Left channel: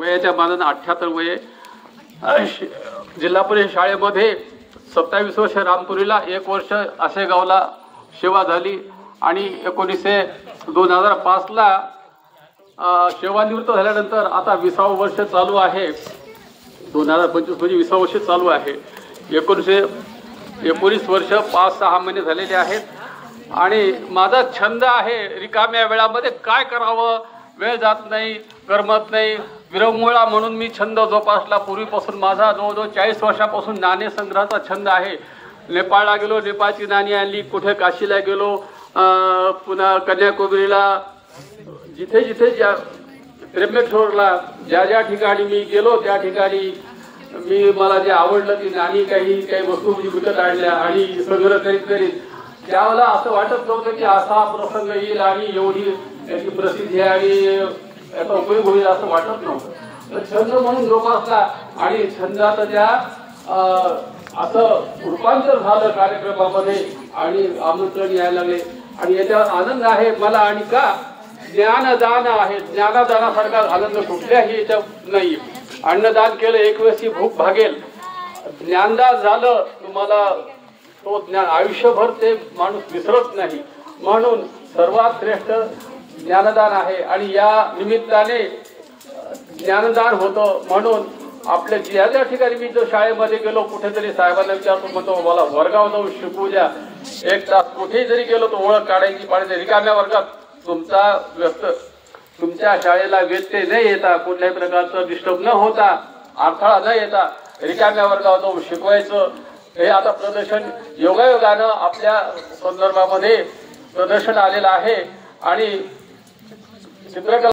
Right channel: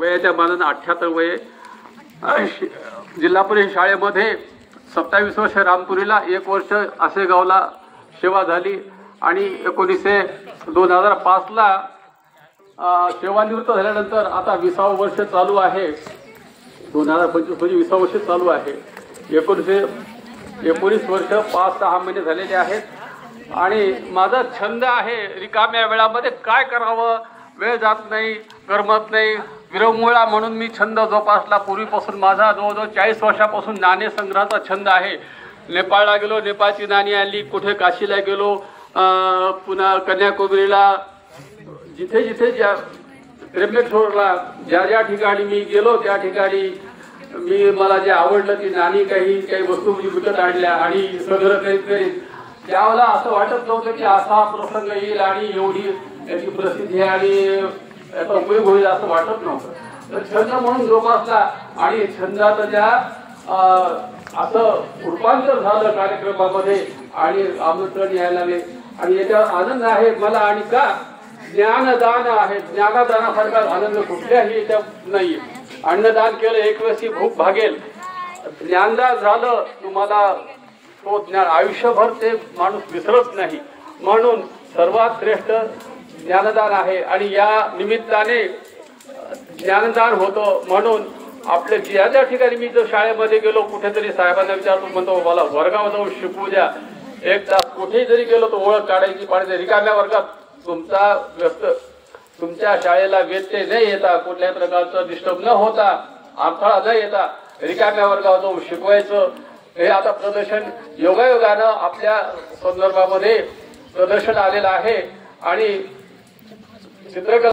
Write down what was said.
वयाच्या मानाने 78 वय। जिल्हा परिषद शाळेमध्ये 27 वर्ष रामपुरीला, 1 वर्ष आसेगावला सेवा झाली आणि 2005 ला सेवानिवृत्त झाल्यानंतर आता 20वे वर्ष चालू आहे। 2025 म्हणजे 20वे वर्ष चालू आहे। 19 वर्ष 5-6 महिने झालेले आहेत आणि माझा छंद आहे रिकाम्या वेळामध्ये काय करावं, वेळ जात नाही, करमत नाही, विरंगुळा म्हणून मी छंद जोपासला। पूर्वीपासून माझा जवळजवळ 40 वर्षापासून नाणे संग्रहाचा छंद आहे। नेपाळला गेलो, नेपाळची नाणी आणली, कुठे काशीला गेलो, पुन्हा कन्याकुमारीला, जिथे जिथे त्र्यंबकेश्वरला ज्या ठिकाणी मी गेलो त्या ठिकाणी मला जे आवडलं ती नाणी काही वस्तू मी विकत आणल्या आणि संग्रह करीत त्यावेळेला असं वाटत नव्हतं की असा प्रसंग येईल आणि एवढी याची प्रसिद्धी आणि याचा उपयोग होईल असं वाटत नव्हतं। तर छंद म्हणून जोपासला आणि छंदाचं ज्या असं रूपांतर झालं कार्यक्रमामध्ये आणि आमंत्रण यायला लागले आणि याच्यावर आनंद आहे मला। आणि का ज्ञानदान आहे, ज्ञानदानासारखा आनंद कुठल्याही याच्यात नाही। अन्नदान केलं 1 वेळची भूक भागेल, ज्ञानदान झालं तुम्हाला तो ज्ञान आयुष्यभर ते माणूस विसरत नाही, म्हणून सर्वात श्रेष्ठ ज्ञानदान आहे। आणि या निमित्ताने ज्ञानदान होतं म्हणून आपल्या ज्या ठिकाणी मी जर शाळेमध्ये गेलो, कुठेतरी साहेबांना विचारतो, म्हणतो मला वर्गावर जाऊन शिकू द्या 1 तास, कुठेही जरी गेलो तर ओळख काढायची पाहिजे। रिकाम्या वर्गात तुमच्या शाळेला व्यत्यय न येता, कुठल्याही प्रकारचं डिस्टर्ब न होता, अडथळा न येता रिकाम्या वर्गावर जाऊन शिकवायचं। हे आता प्रदर्शन योगायोगानं आपल्या संदर्भामध्ये प्रदर्शन आलेलं आहे आणि चित्रकला